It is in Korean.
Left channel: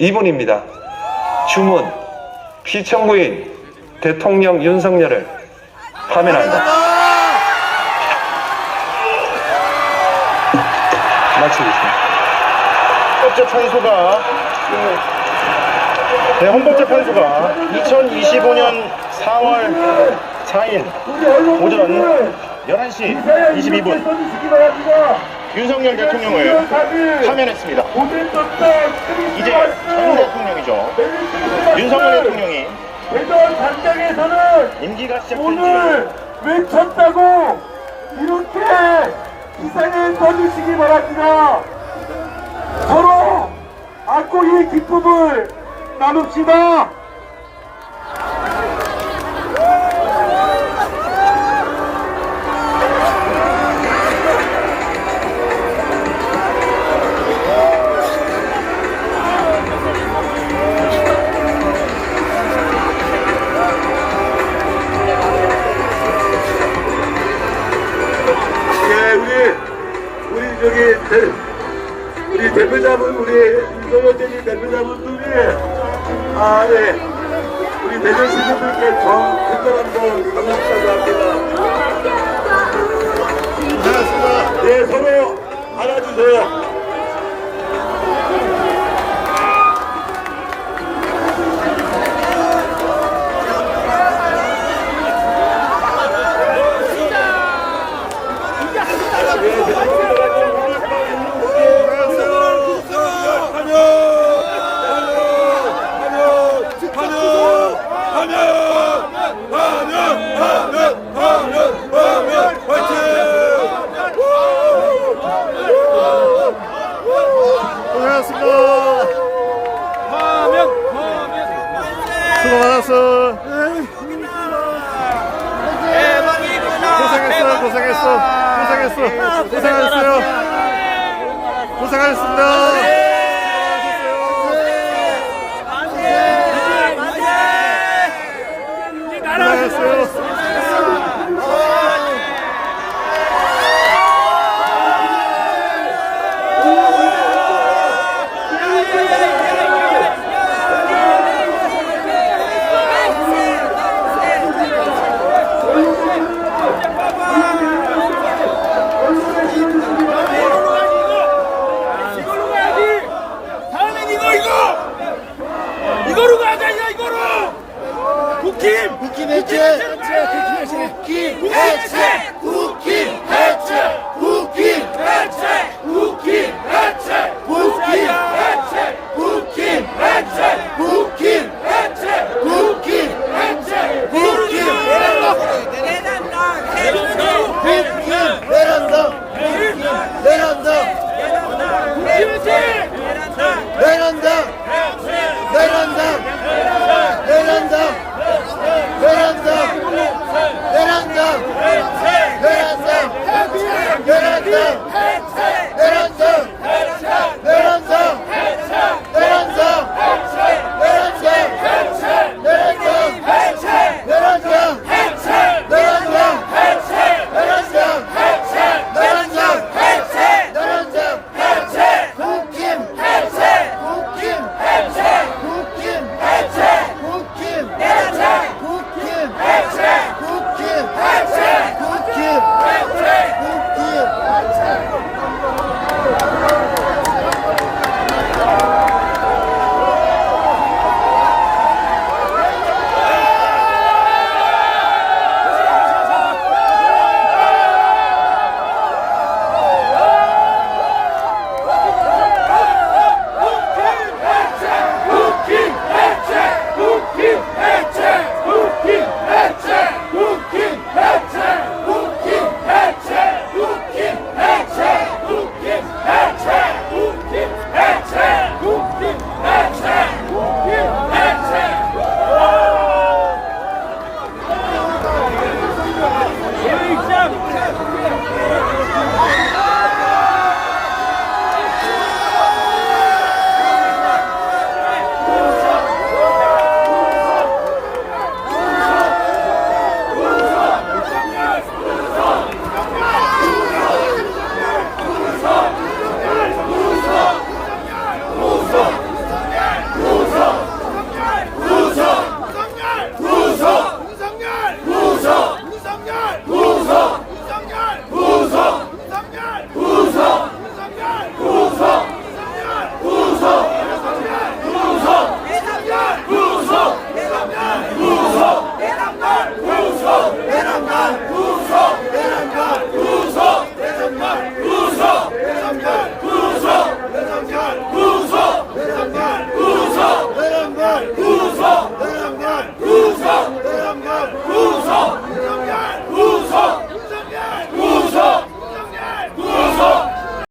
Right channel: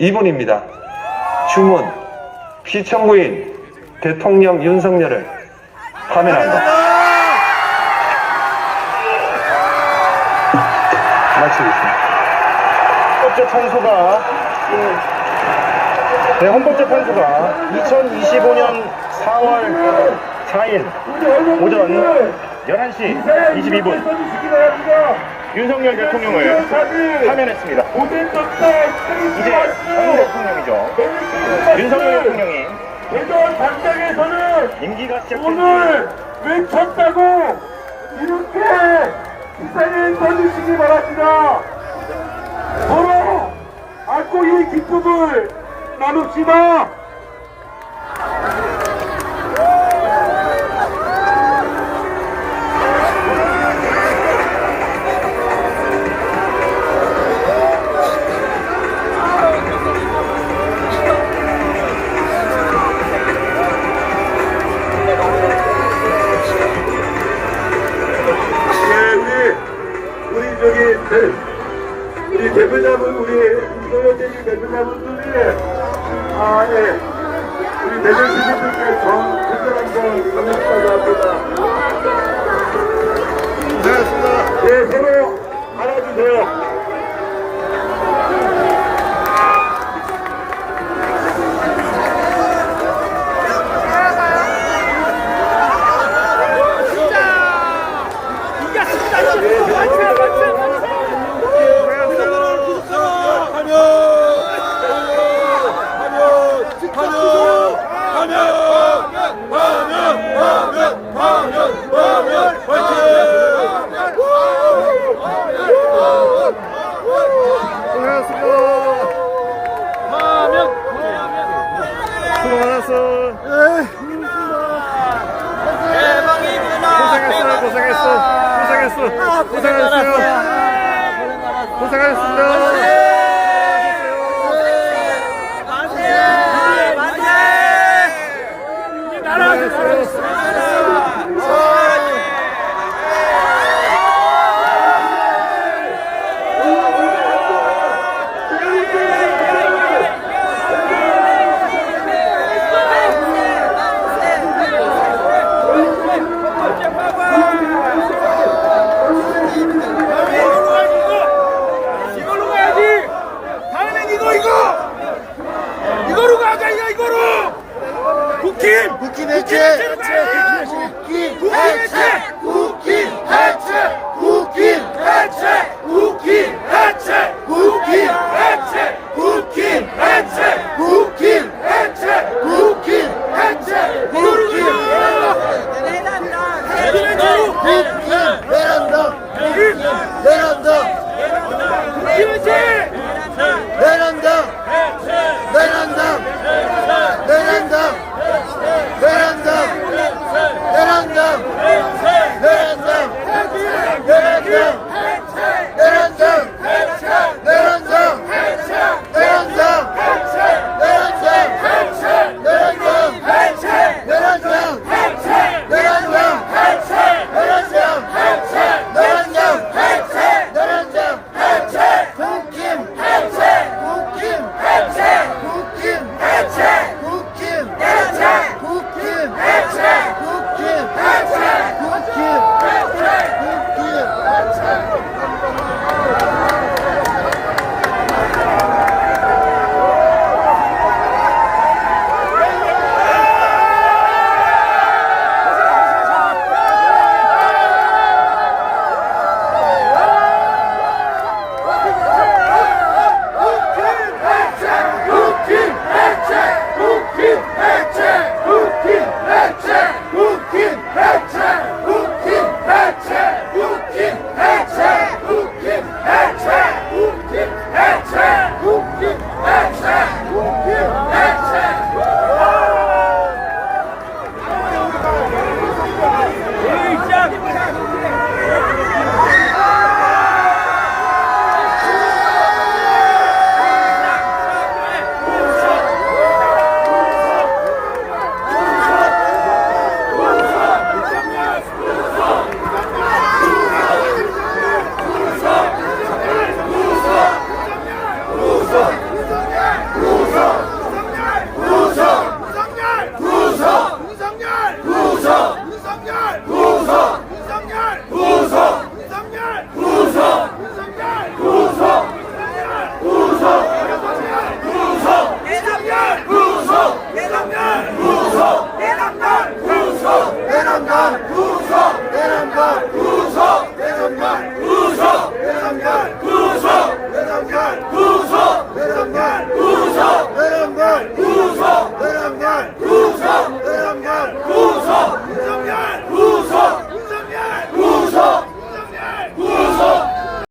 2분입니다. 주문 피청구인 대통령 윤석열을 파면한다. 마치겠습니다. 헌법재판소가 네, 헌법재판소가 2025년 4월 4일 오전 11시 22분 윤석열 대통령을 파면했습니다. 이제 전 대통령이죠. 윤석열 대통령이 임기가 시작된 오늘 외쳤다고 이렇게 기사를 써주시기 바랍니다. 서로 안고 이 기쁨을 나눕시다. 우리 대표자분 우리 인도여전이 대표자분들이 아 예. 우리 대전 시민들께 전 특별한번 감사하고 합니다. 고생하셨습니다. 예, 서로 안아주세요. 고생하셨습니다. 수고 많았어. 고생했어, 고생했어, 고생했어, 고생하셨어요. 고생하셨습니다. Huki Hece! Huki Hece! Huki Hece! Huki Hece! Huki Hece! Huki Hece! Huki Hece! Huki Hece! Huki Hece! Veranda! Veranda! Veranda! Veranda! Veranda! Veranda! Yeah.